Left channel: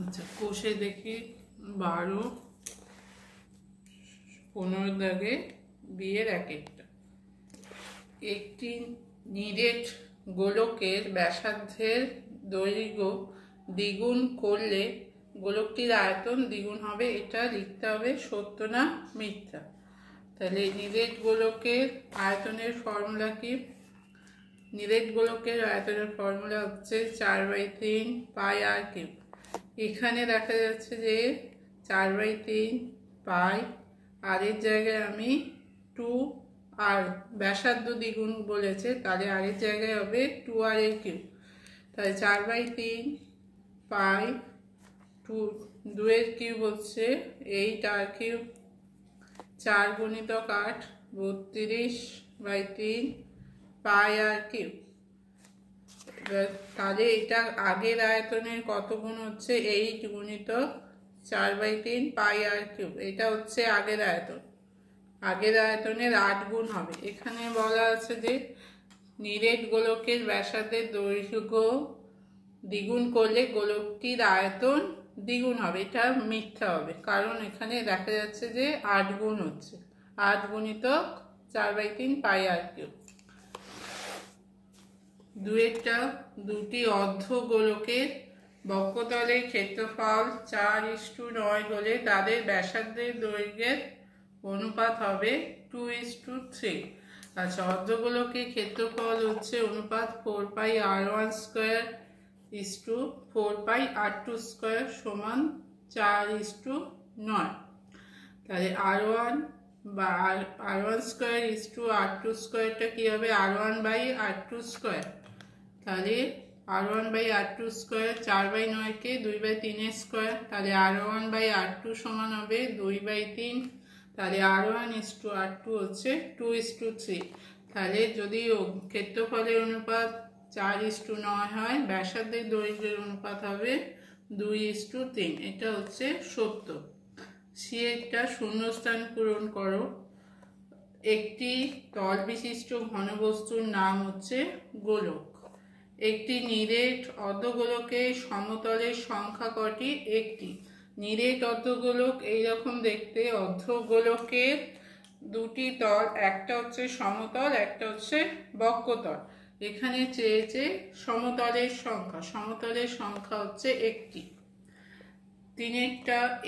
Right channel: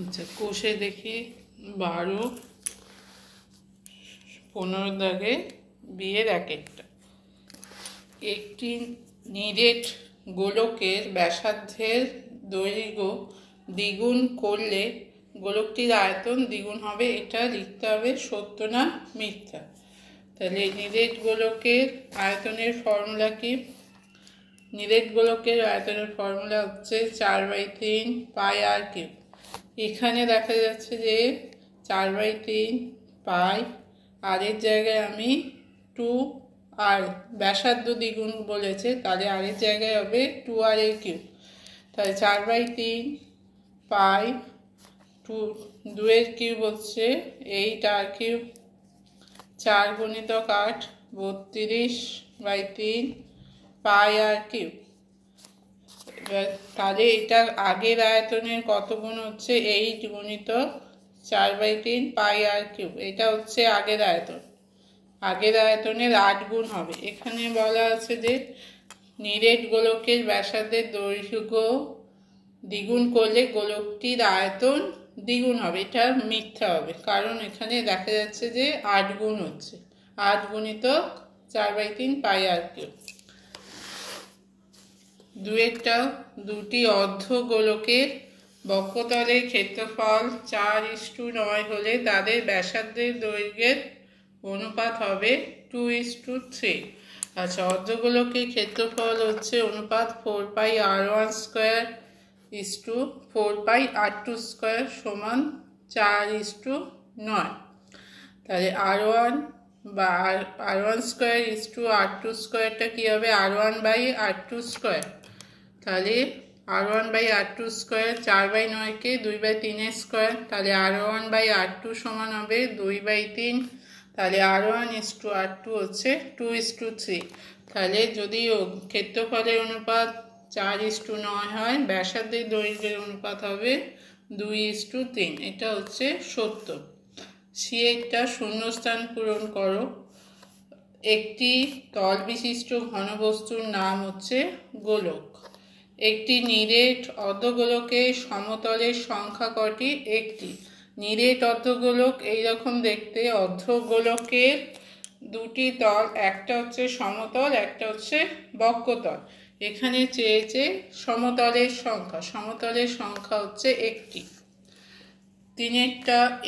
আচ্ছা, কোষে দেখি 12, 15 দাগে বিয়ের এক একটা। একটি নিরেট গোলকের ব্যাসার্ধের দৈর্ঘ্য দ্বিগুণ করলে গোলকটির আয়তন দ্বিগুণ হবে। এটা লিখতে হবে সত্য না মিথ্যা। তাহলে নিরেট গোলকের আয়তনের ফর্মুলা কি? নিরেট গোলকের আয়তনের ফর্মুলা হচ্ছে 4/3 পাই আর কিউব। এখানে দেখা যাচ্ছে যে 4/3 পাই, আর এর জায়গায় আমি 2 আর ব্যাসার্ধ দ্বিগুণ বলেছে, তাহলে আর এর জায়গায় হবে 2r এর কিউব। তাহলে 4/3 পাই 2 এর কিউব হচ্ছে 8r কিউব, 4 গুণিতক 8 32/3 পাই আর কিউব। তাহলে এটা আগের আয়তনের কত গুণ হচ্ছে? 8 গুণিতক 4/3 পাই আর কিউব। এটা হচ্ছে আগের আয়তন, আগের আয়তনের 8 গুণ হবে। এখানে বলা আছে যে নিরেট গোলকের ব্যাসার্ধের দৈর্ঘ্য দ্বিগুণ করলে গোলকটির আয়তন দ্বিগুণ হবে। এটা মিথ্যা হবে, কারণ এখানে দেখা যাচ্ছে যে 8 গুণ হচ্ছে, 8 গুণিতক 4/3 পাই আর কিউব। দুটি অর্ধ গোলকের বক্ষতলের ক্ষেত্রফল 4:9 হলে তাদের ব্যাসার্ধের দৈর্ঘ্যের অনুপাত হবে 2:3। আচ্ছা, অর্ধগোলকের ক্ষেত্রফল হচ্ছে অনুপাত 4πr1² 4πr2² সমান 4:9। তাহলে r1/r1²r2² কি হবে? r1/r2²। তাহলে r1/r2², 4/9কে 2/3 তাহলে r1/r2 সমান হবে 2/3। তাহলে r1:r2 হচ্ছে 2:3। তাহলে যদি ক্ষেত্রফলের অনুপাত 4:9 হয়, ব্যাসার্ধের দৈর্ঘ্যের অনুপাত হবে 2:3। এটা হচ্ছে সত্য। সি একটা শূন্যস্থান পূরণ করো। একটি তল বিশিষ্ট ঘনবস্তুর নাম হচ্ছে গোলক। একটি নিরেট অর্ধগোলকের সমতলের সংখ্যা কটি? একটি। নিরেট অর্ধগোলক এইরকম দেখতে। অর্ধগোলকের দুটি তল, একটা হচ্ছে সমতল, একটা হচ্ছে বক্ষতল। এখানে চেয়েছে সমতলের সংখ্যা, সমতলের সংখ্যা হচ্ছে একটি।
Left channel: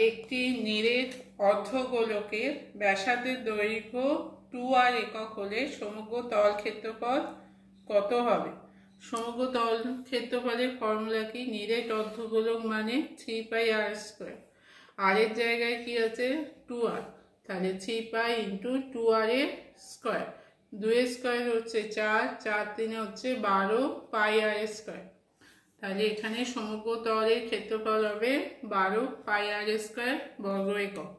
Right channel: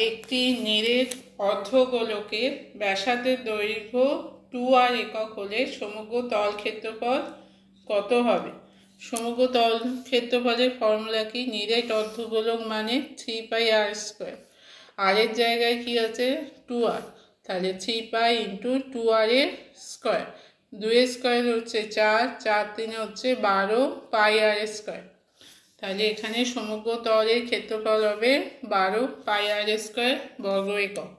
একটি নিরেট অর্ধগোলকের ব্যাসার্ধের দৈর্ঘ্য 2r একক হলে সমগ্র তল ক্ষেত্রফল কত হবে? সমগ্র তল ক্ষেত্রফলের ফর্মুলা কি? নিরেট অর্ধগোলক মানে 3πr²। আর এর জায়গায় কি আছে? 2r। তাহলে 3π × 2r এর স্কোয়ার। 2 এর স্কোয়ার হচ্ছে 4, 4 3 হচ্ছে 12 পাই আর স্কোয়ার। তাহলে এখানে সমগ্র তলের ক্ষেত্রফল হবে 12 পাই আর স্কোয়ার বর্গ একক।